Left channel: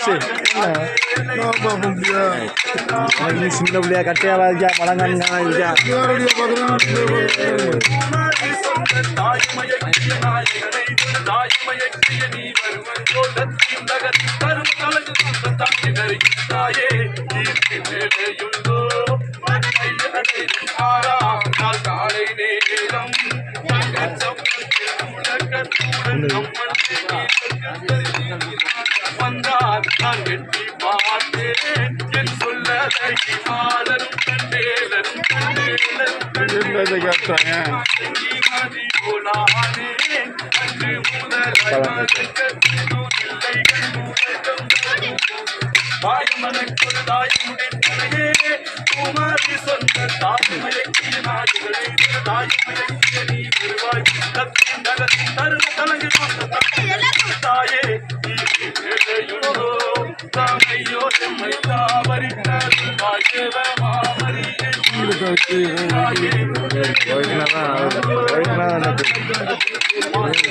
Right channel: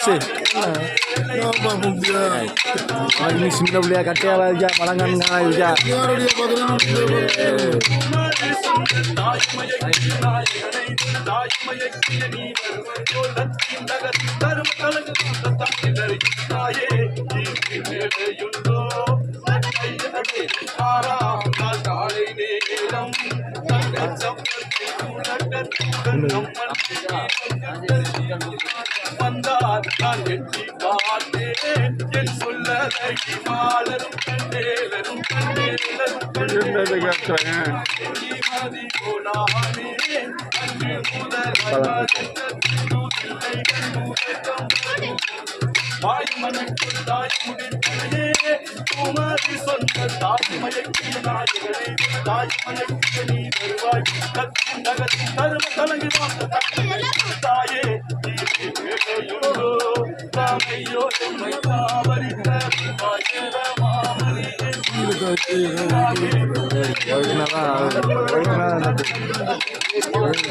சரி நீ சின்ன பிள்ளையா கட்டையாவா இருக்கா பழங்கானா இருக்கா வந்தார் நான் எட்டி பார்த்தேன் என் சொல்லலை மாலரும் கண்டேலரும் கண்டேலரும் கண்டேலரும். சொன்ன தாய்மயக்கிய நாயகளே தாய்மயக்கிய நீ வருவாய் தத்தின் நகத்தின் தரும கலங்கு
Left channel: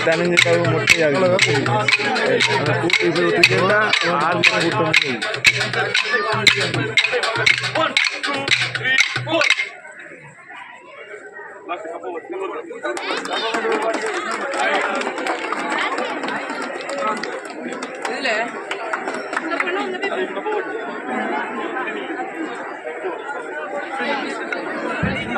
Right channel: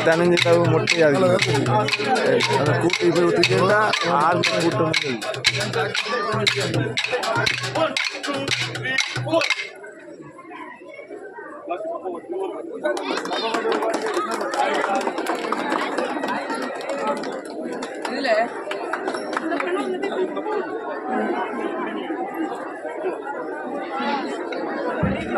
தனிஞ்சிட்டாவு மொட்டையாகுது அந்த கூட்டி போய் ஒத்துக்கிட்டா ஆள் கூட்டம் One,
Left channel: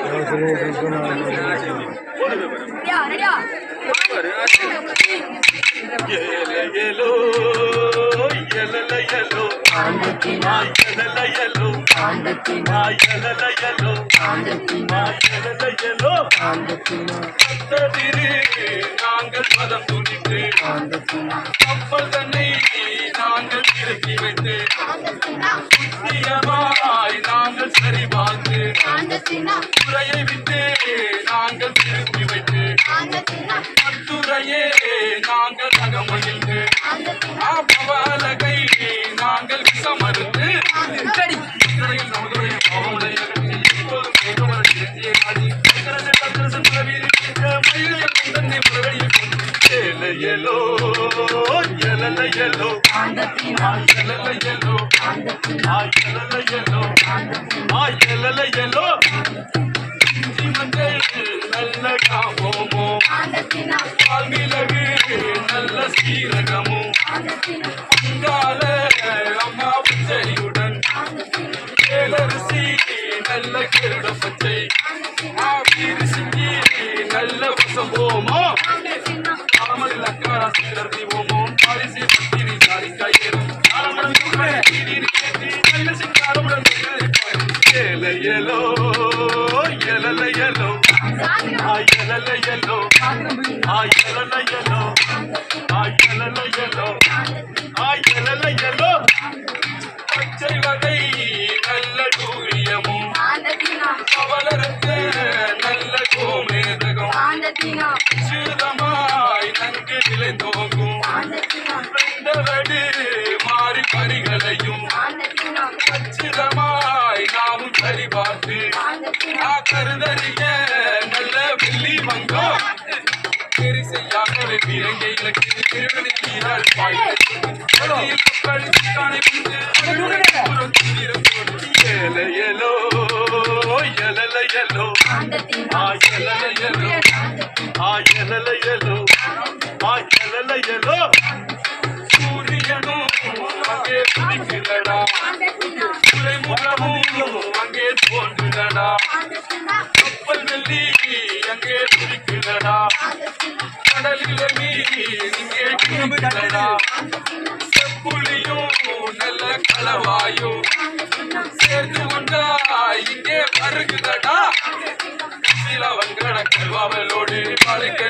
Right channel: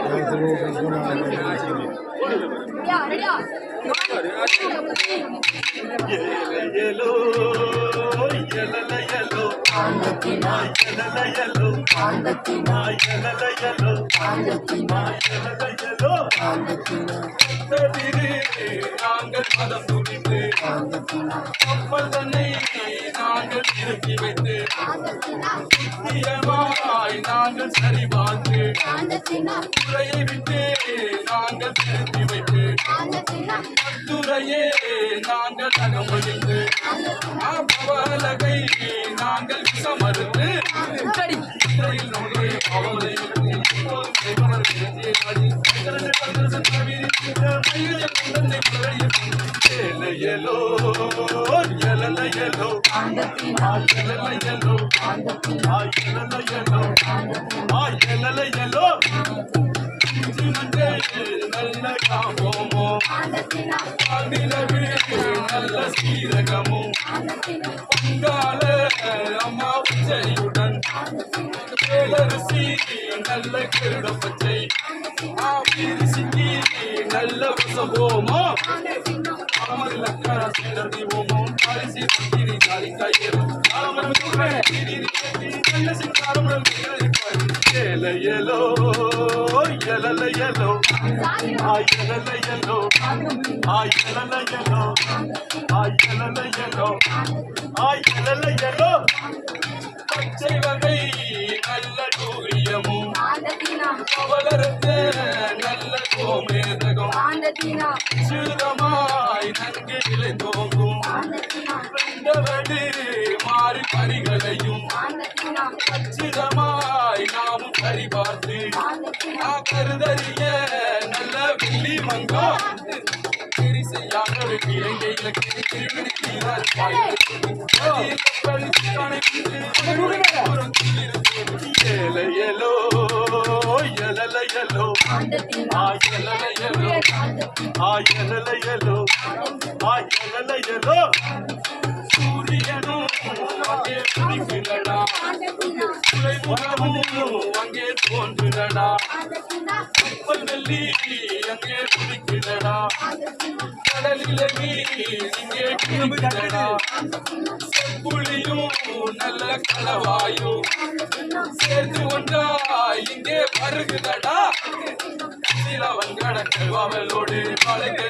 two, three, four. ரெடியா ரெடியா Yellow, yellow, yellow, ஆண்டத்தினா yellow, yellow, ஆண்டத்தினா yellow, yellow, ஆண்டத்தினா yellow, yellow. ஆண்டத்தினா கத்ததிரு நாங்கள் மதம் துணித்து ஆண்டத்தினா கப்பல் தன்னை நாங்கள் இறக்கி வைத்து ஆண்டத்தினா நியமாய் நாங்கள் சரிபார்த்து துறையை விட்டு நாங்கள் திருப்பி வைத்து துறையே நாங்கள் அகமகிழ்ந்து பவலகை நாங்கள் விசமறுத்து இறையில் நமது பாவங்களை அகற்றி, இப்போதும் கேட்பவர் இறைஞ்சியை நாடி, கரண்டு இஞ்சி மஞ்சள் நல்ல காமோமோ ஆண்டத்தினா பால்மிளகு நல்ல சீரகமும் ஆண்டத்தினா பொங்கால அம்மா பச்சையுடன். ஏலரிசி நல்ல கிருட பச்சை நல்ல வசம்போமோ. பச்சை வகை நல்ல டூரியமும் பவலருக்கு நல்ல கோமேதகம் ஆண்டத்தினா அச்சுதமாய் நாமும் சரிபார்த்து கருதறிய நல்ல வெள்ளி வங்கம் பெரிசையாக விலங்கை இலக்கிய திருமணி வீரர் ஏலையலோ எலலையலோ ஆண்டத்தினா ஆயலலையலோ ஆயலலையலோ ஆண்டத்தினா துறைமுகமும் அங்கே தோன்றுதடா கப்பல் வெள்ளி அங்கே துடிக்கிறடா ஆண்டத்தினா கடலில் இங்கே குடிக்கிறடா செப்புளியும் நல்ல களவாயும் சேர்ந்து ஒன்றா இங்கே வருகுதடா சில வங்கட கல்வாவலோடு பழகிறது